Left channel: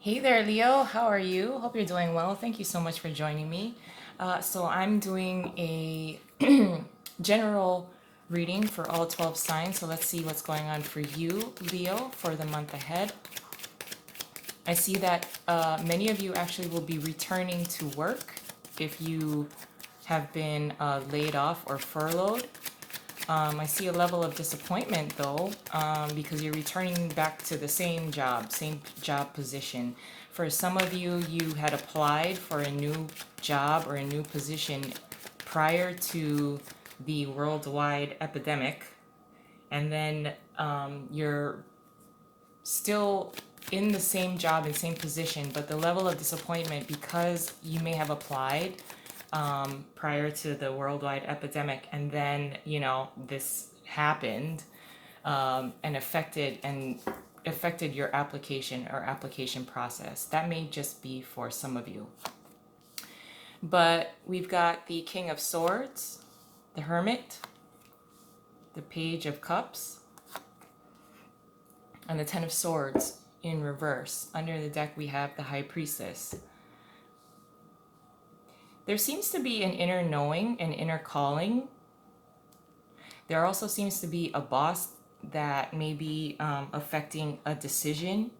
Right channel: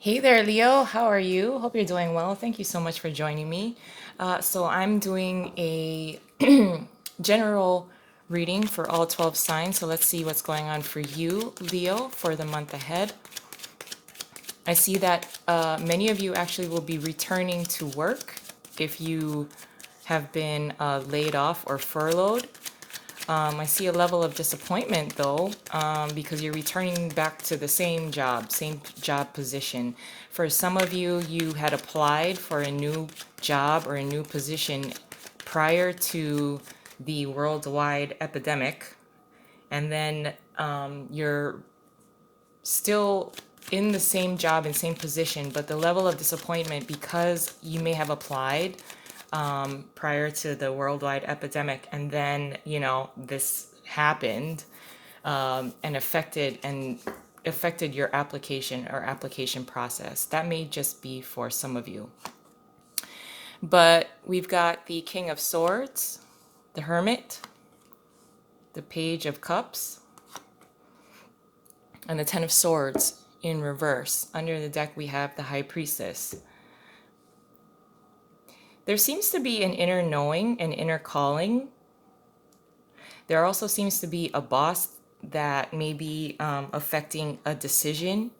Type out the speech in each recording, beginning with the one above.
Hey there, Leo. How are you? Hope you're doing well. Thank you so much for joining me. So, I'm doing a general reading for all 12 signs. So, let's see what's going on for you, Leo, for the month ahead. I see that many of you actually will be returning to work if you have been laid off or furloughed. I see a level of disappointment though, because you're returning back to the same job position. For some of you, you had applied for a new job or a new position prior to the worldwide epidemic, and then you're still in the same job and same position, but the level of disappointment because you may have applied prior to the worldwide epidemic, and then this happened and affected your application or application process. That may just be for some of you. But we've got the King of Swords, the Hermit, the Page of Cups, and the Ten of Swords in reverse. Under the deck, we have the High Priestess. There seems to be an inner knowing, an inner calling. There also seems to be a boss that may be affecting a decision.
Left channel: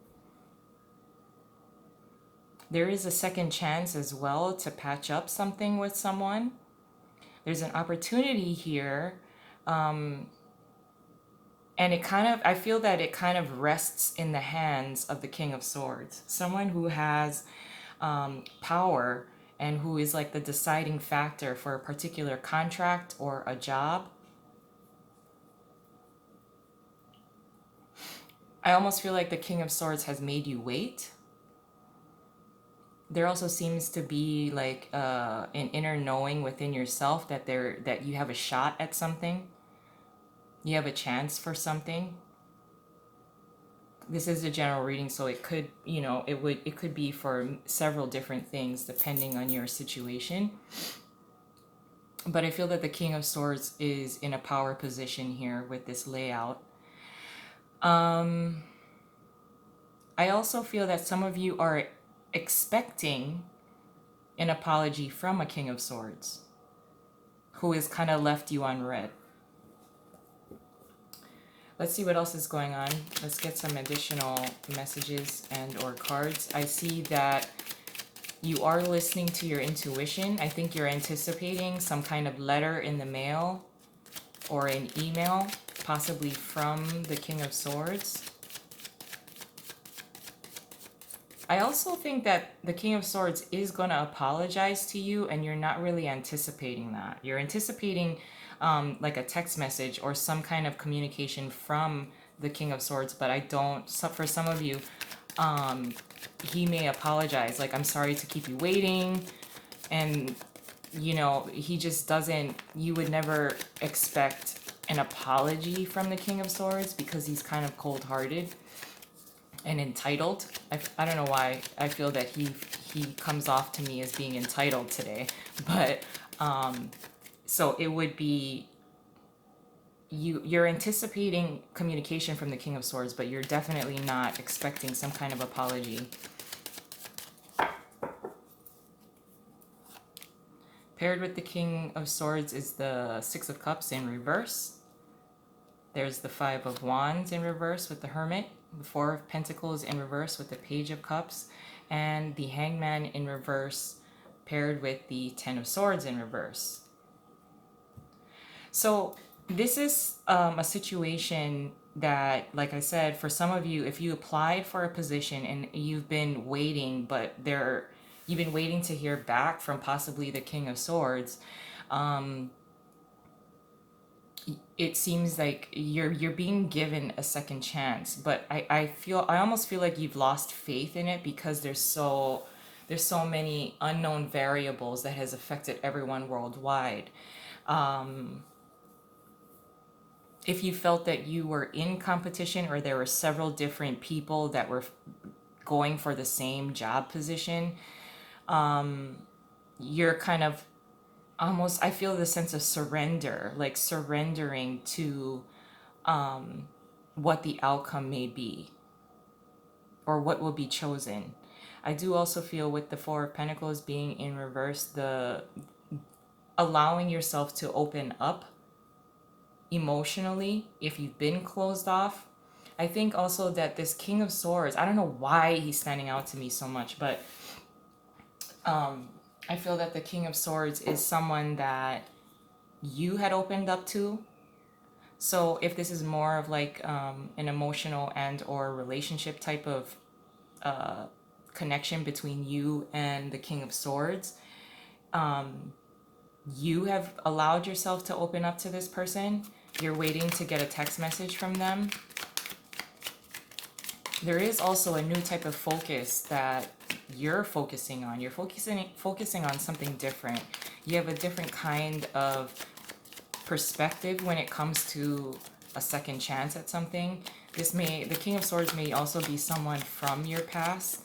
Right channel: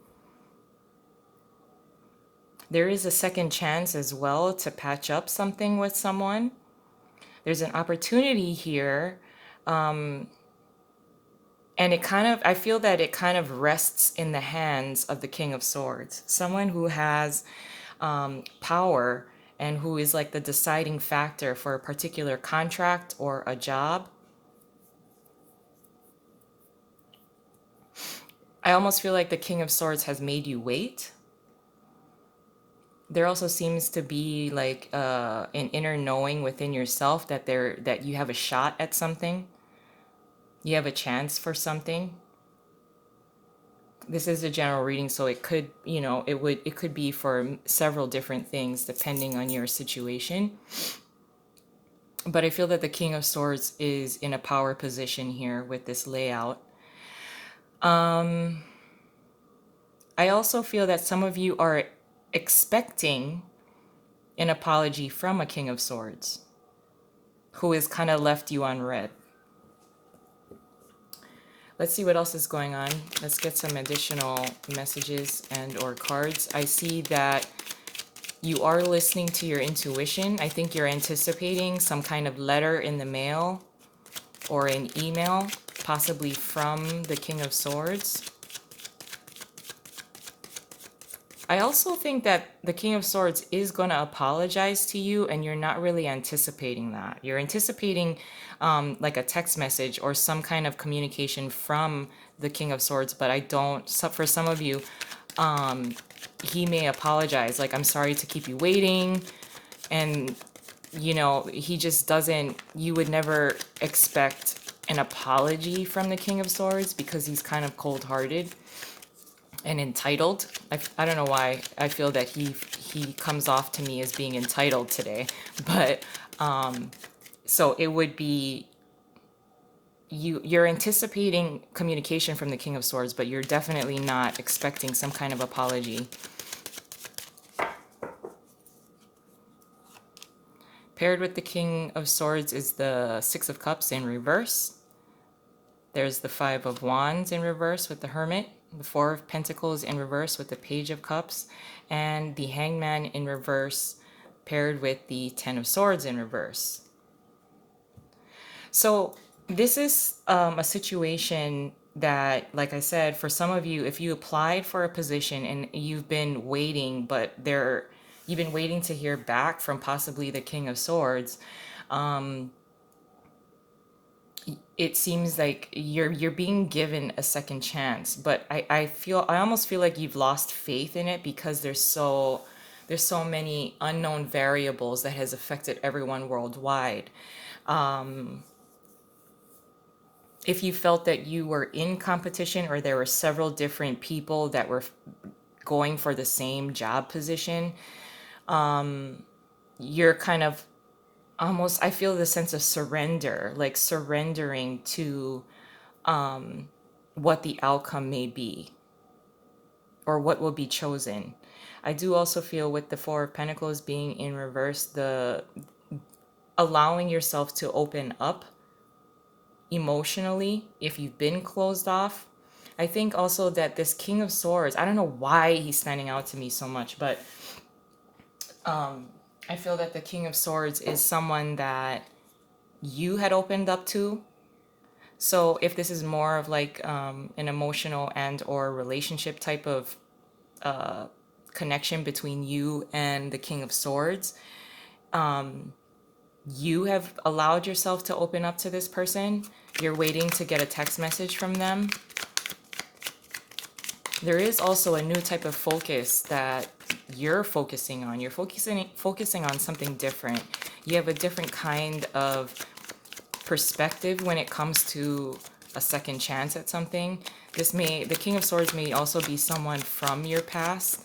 There is a second chance as well to patch up something with someone. There's an opportunity here. And I feel that it kind of rests in the hands of the King of Swords. Someone who has power and who is like the deciding factor for a particular contract or a job. I almost feel like the King of Swords has made you wait. There also seems to be like an inner knowing within yourself that you have a shot at something. You have a chance for something. This is a general reading, so it could, it could be for several different things depending on your situation. But I feel that the King of Swords is in a power position here with this layout. I also feel that some of you are expecting an apology from a King of Swords who has kind of left you on red. Let's see what else is going on. Let's get some additional messages and or cards. I see that you are listening to your intuition. I think you're anticipating some kind of letter in the mail or an email, possibly from the King of Swords. I also think that the King of Swords is going to apologize to you, and you're not really anticipating that. You're anticipating like a text message or some kind of communication from the King of Swords, but I don't. So for some of you, he may apologize, like, I'm sorry to keep you waiting. And, he just doesn't, you would never expect an apology from the King of Swords because he's kind of cold hearted and entitled. I don't know why I feel that he comes off to me as being entitled today, but so it would be you're anticipating communication from the King of Swords, but you're definitely not expecting some kind of apology. Paired with the King of Swords is the Six of Cups in reverse. There's the Five of Wands in reverse with the Hermit, the Four of Pentacles in reverse with the Page of Cups, and the Hangman in reverse paired with the Ten of Swords in reverse. So this is a situation that, like I said, for some of you, if you applied for a position and you've been waiting, but you've been waiting to hear back from possibly the King of Swords, it seems like you're being given a second chance. But I almost feel like you've lost faith in it because there's so many unknown variables that has affected everyone worldwide. If you felt that you were in competition or there were several different people that were going for the same job position, you're kind of almost, I feel the sense of surrender, like surrendering to what the outcome may be or what will be chosen. I do also feel with the Four of Pentacles being in reverse, the allowing yourself to open up emotionally if you've been closed off. I think also that this King of Swords, I don't know why he's standing out to me so much, but I feel that the King of Swords is someone that you had opened up to. So if this is more of like an emotional and or relationship type of connection between you and the King of Swords, you have allowed yourself to open up to this person. You're waiting to get a text message from them. There is also a new type of focus that you're focusing on. You're focusing on something different. You have a different kind of perspective when it comes to a second chance at something. The King of Swords may also be someone from your past,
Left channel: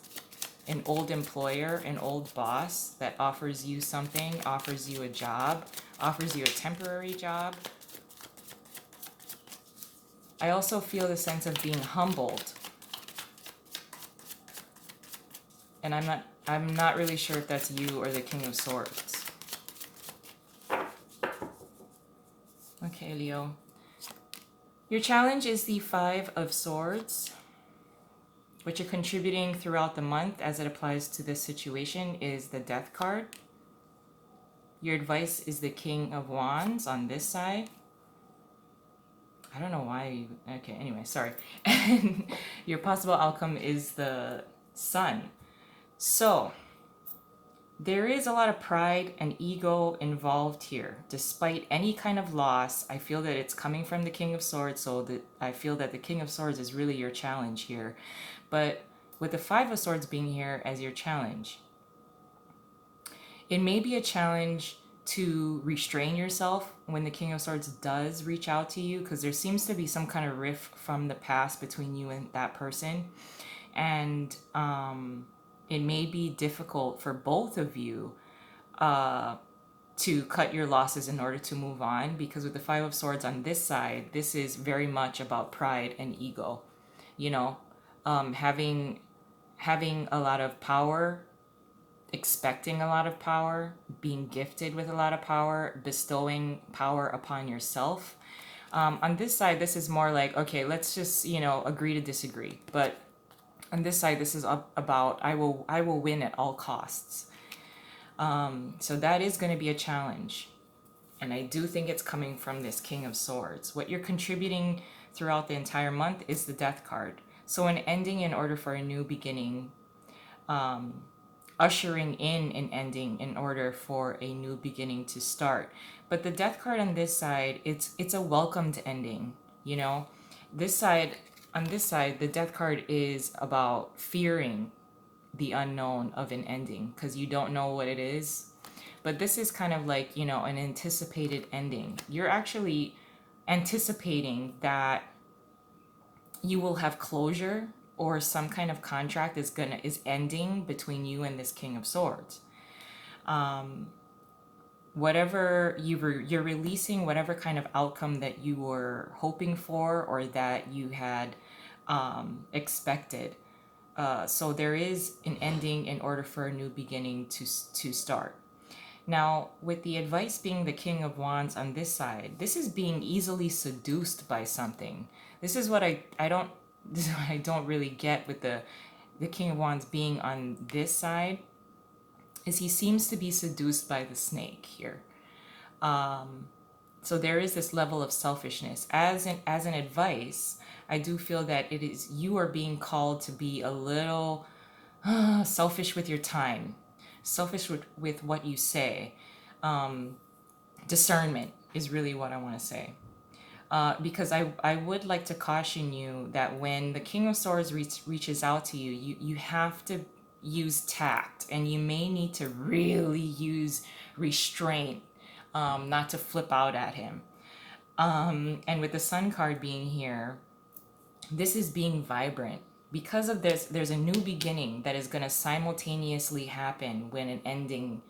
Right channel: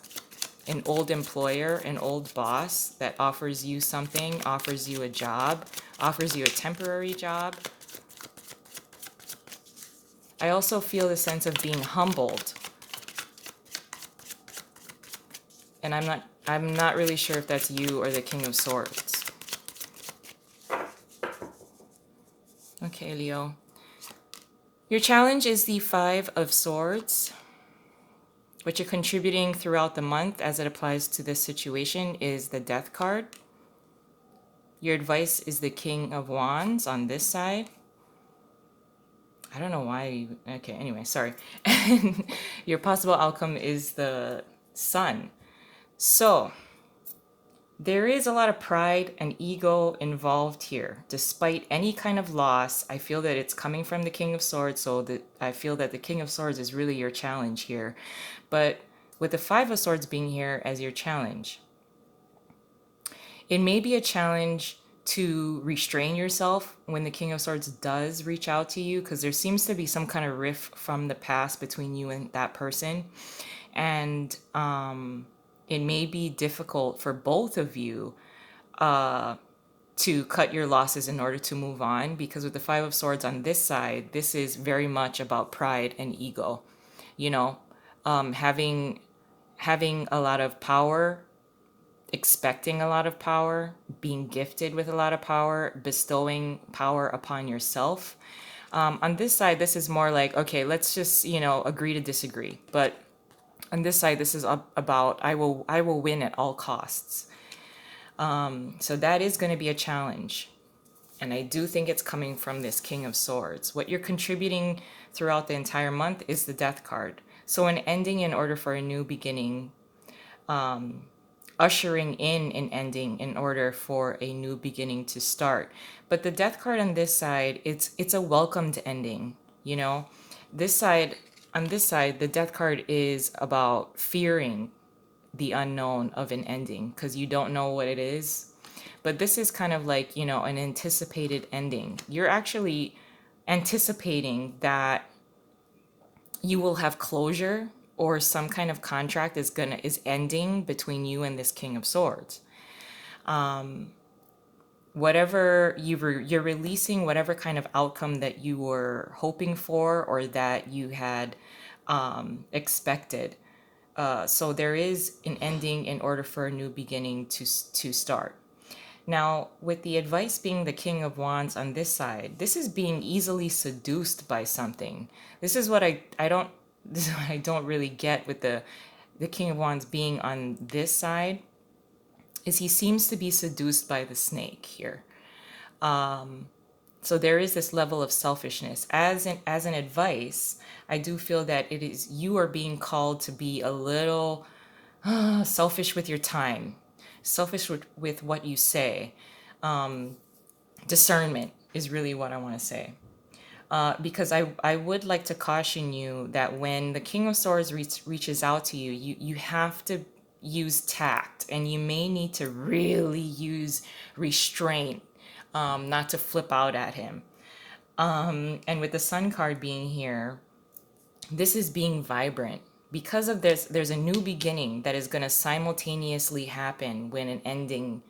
an old employer, an old boss that offers you something, offers you a job, offers you a temporary job. I also feel the sense of being humbled. And I'm not really sure if that's you or the King of Swords. Okay, Leo. Your challenge is the Five of Swords. What you're contributing throughout the month as it applies to this situation is the Death card. Your advice is the King of Wands on this side. I don't know why. Okay, anyway, sorry. Your possible outcome is the Sun. So, there is a lot of pride and ego involved here. Despite any kind of loss, I feel that it's coming from the King of Swords, so that I feel that the King of Swords is really your challenge here. But with the Five of Swords being here as your challenge, it may be a challenge to restrain yourself when the King of Swords does reach out to you, because there seems to be some kind of rift from the past between you and that person. And it may be difficult for both of you to cut your losses in order to move on, because with the Five of Swords on this side, this is very much about pride and ego. You know, having a lot of power, expecting a lot of power, being gifted with a lot of power, bestowing power upon yourself. On this side, this is more like, okay, let's just, agree to disagree. But on this side, this is about I will win at all costs. So that is going to be a challenge. And I do think it's coming from this King of Swords. What you're contributing throughout the entire month is the Death card. So an ending in order for a new beginning, ushering in an ending in order for a new beginning to start. But the Death card on this side, it's a welcomed ending, you know? This side, on this side, the Death card is about fearing the unknown of an ending because you don't know what it is. But this is kind of like, an anticipated ending. You're actually anticipating that you will have closure or some kind of contract is ending between you and this King of Swords. Whatever you're releasing, whatever kind of outcome that you were hoping for or that you had expected. So there is an ending in order for a new beginning to start. Now, with the advice being the King of Wands on this side, this is being easily seduced by something. This is what I don't this is what I don't really get with the King of Wands being on this side, is he seems to be seduced by the snake here. So there is this level of selfishness. As an advice, I do feel that it is you are being called to be a little selfish with your time, selfish with what you say. Discernment is really what I want to say. Because I would like to caution you that when the King of Swords reaches out to you, you have to use tact, and you may need to really use restraint, not to flip out at him. And with the Sun card being here, this is being vibrant. Because of this, there's a new beginning that is going to simultaneously happen when an ending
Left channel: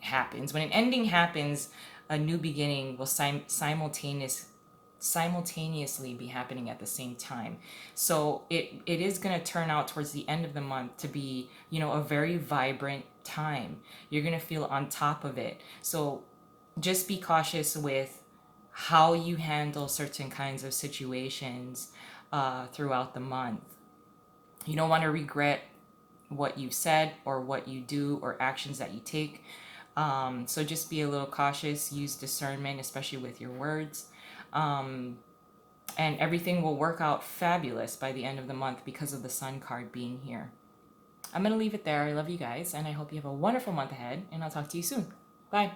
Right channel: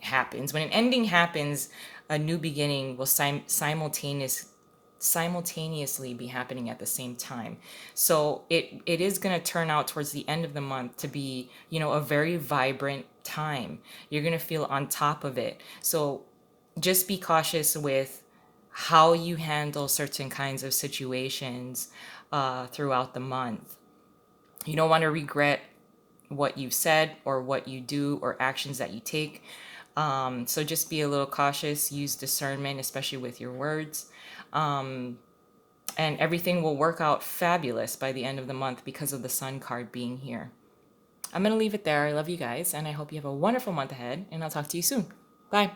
happens. When an ending happens, a new beginning will simultaneously simultaneously be happening at the same time. So it is going to turn out towards the end of the month to be, a very vibrant time. You're going to feel on top of it. So just be cautious with how you handle certain kinds of situations throughout the month. You don't want to regret what you said or what you do or actions that you take. So just be a little cautious, use discernment, especially with your words. And everything will work out fabulous by the end of the month because of the Sun card being here. I'm going to leave it there. I love you guys, and I hope you have a wonderful month ahead, and I'll talk to you soon. Bye.